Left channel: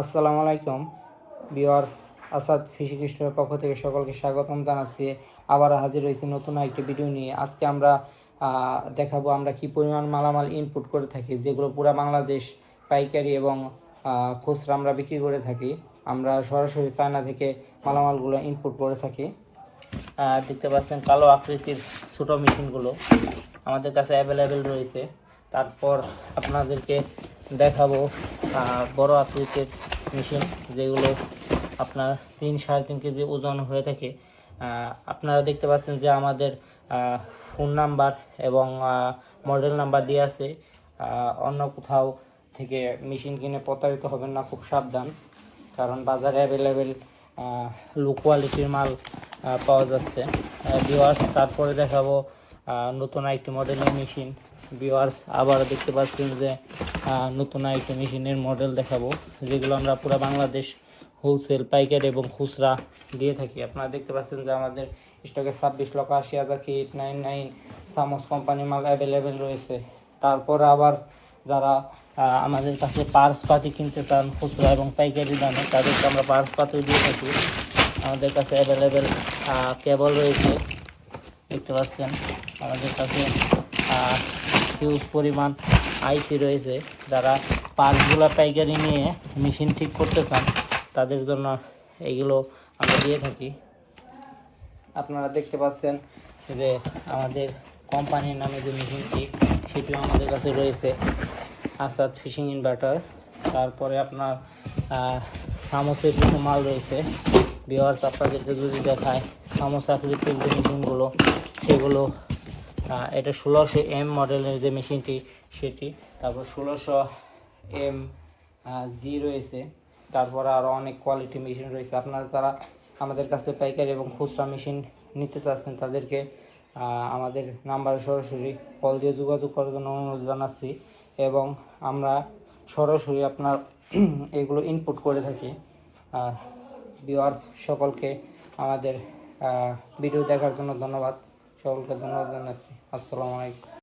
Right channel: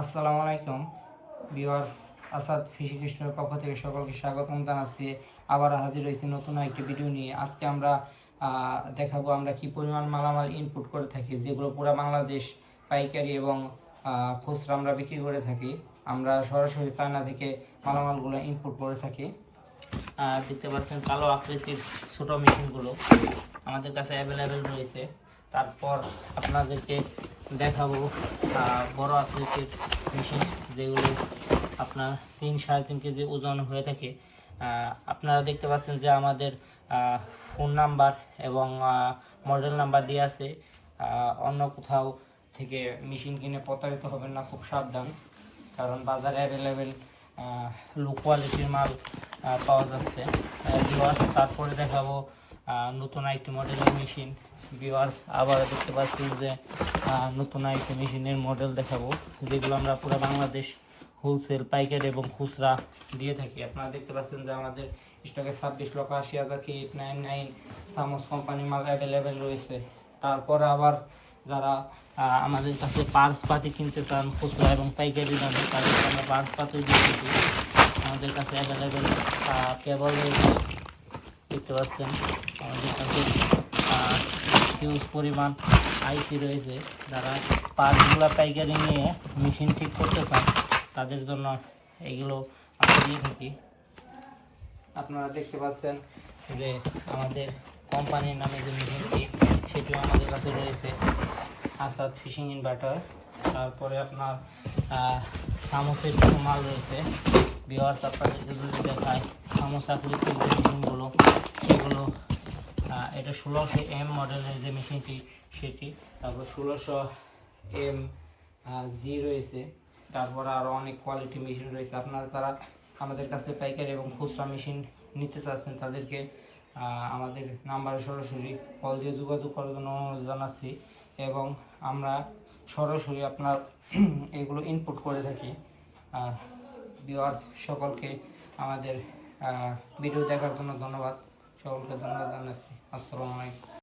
আসসালামু আলাইকুম viewers, Asad fishing স্টোরের পক্ষ থেকে সকলকে স্বাগতম জানাচ্ছি। আবার হাজির হয়েছি নতুন একটি ভিডিও নিয়ে। আজকে আমরা দেখাবো আমরা কি পরিমাণ মালামাল ইনপুট করে থাকি, যেগুলো পুরো বাংলাদেশ পাইকারি এবং খুচরা আমরা বিক্রি করে থাকি। আমরা সরাসরি চায়না থেকে মালামালগুলো ইনপুট করে থাকি। দেখতে পাচ্ছেন কালো আকৃতির ছোটো মেশিনগুলো আমাদের কাছে অ্যাভেলেবেল রয়েছে। তারপর আপনাদেরকে দেখাবো বড় আকৃতির মেশিন, যেগুলো আপনার 3-3.5 কেজি ওজন হয়ে থাকে। আপনারা দেখতে পাচ্ছেন যে আমাদের ফোন নাম্বার এবং মডেল নাম্বার দিয়ে আছে। অন্য কোথাও থেকে মেশিন কিনে প্রতারিত হবেন না, খুব সাবধান, কারণ বাজারে অ্যাভেলেবেল লো কোয়ালিটির মাল পাওয়া যাচ্ছে। তারপরে দেখাবো নতুন একটি মডেলের মেশিন। ভিউয়ার্স, আবার দেখতে পাচ্ছেন যে নতুন একটি মেশিনের মডেল দেখাবো, যেগুলো আমরা পুরো বাংলাদেশ হোলসেল, পাইকারি এবং খুচরা দিয়ে থাকি। আপনারা দেখতে পাচ্ছেন যে আমাদের স্টকে 26,80,000 K899 সামস কোম্পানি মাল অ্যাভেলেবেল রয়েছে। তারপর আবার যারা আমাদের কাছে পার্স পাতি কিনতে চান খুচরা এবং পাইকারি দামে, তাদেরকে আমরা পার্স পাতি দিয়ে থাকি। আমাদের কাছে অ্যাভেলেবেল কেবল রয়েছে, দেখতে পাচ্ছেন। আমাদের কাছে হিউজ পরিমাণ আইসি রয়েছে। যারা পার্টসগুলো পাইকারি নিয়ে মেশিন ঠিক করতে চান, তাদের জন্য এগুলো আমরা দিয়ে থাকি। আপনারা দেখতে পাচ্ছেন যে আমাদের কোম্পানির নামে যে মেশিনটি, সেটি আমাদের কাছে রয়েছে, আসাদ ফিশিং ইনভার্টার। তারপরে আপনার সামোসের কিছু মাল রয়েছে। ভিউয়ার্স, আপনাদেরকে যদি দেখায় সামোস আকৃতির যে মেশিনগুলো, সেগুলো এটা 1600M মডেলের যে মেশিনটি সেটি, তারপর 1600MG রয়েছে। তারপরে আরও অনেক কোয়ালিটি মেশিন রয়েছে। আপনারা যারা আমাদের কাছে পাইকারি এবং খুচরা মেশিন নিতে চাচ্ছেন, তাদেরকে আমাদের নাম্বারে সরাসরি কল দিয়ে যোগাযোগ করার জন্য অনুরোধ জানাচ্ছি, এবং আমরা সরাসরি আপনার এগুলো ইনপুট করে থাকি। ভিউয়ার্স, সকলকে আমাদের ভিডিও দেখার জন্য ধন্যবাদ। সকলকে ধন্যবাদ জানাচ্ছি। আসসালামু আলাইকুম।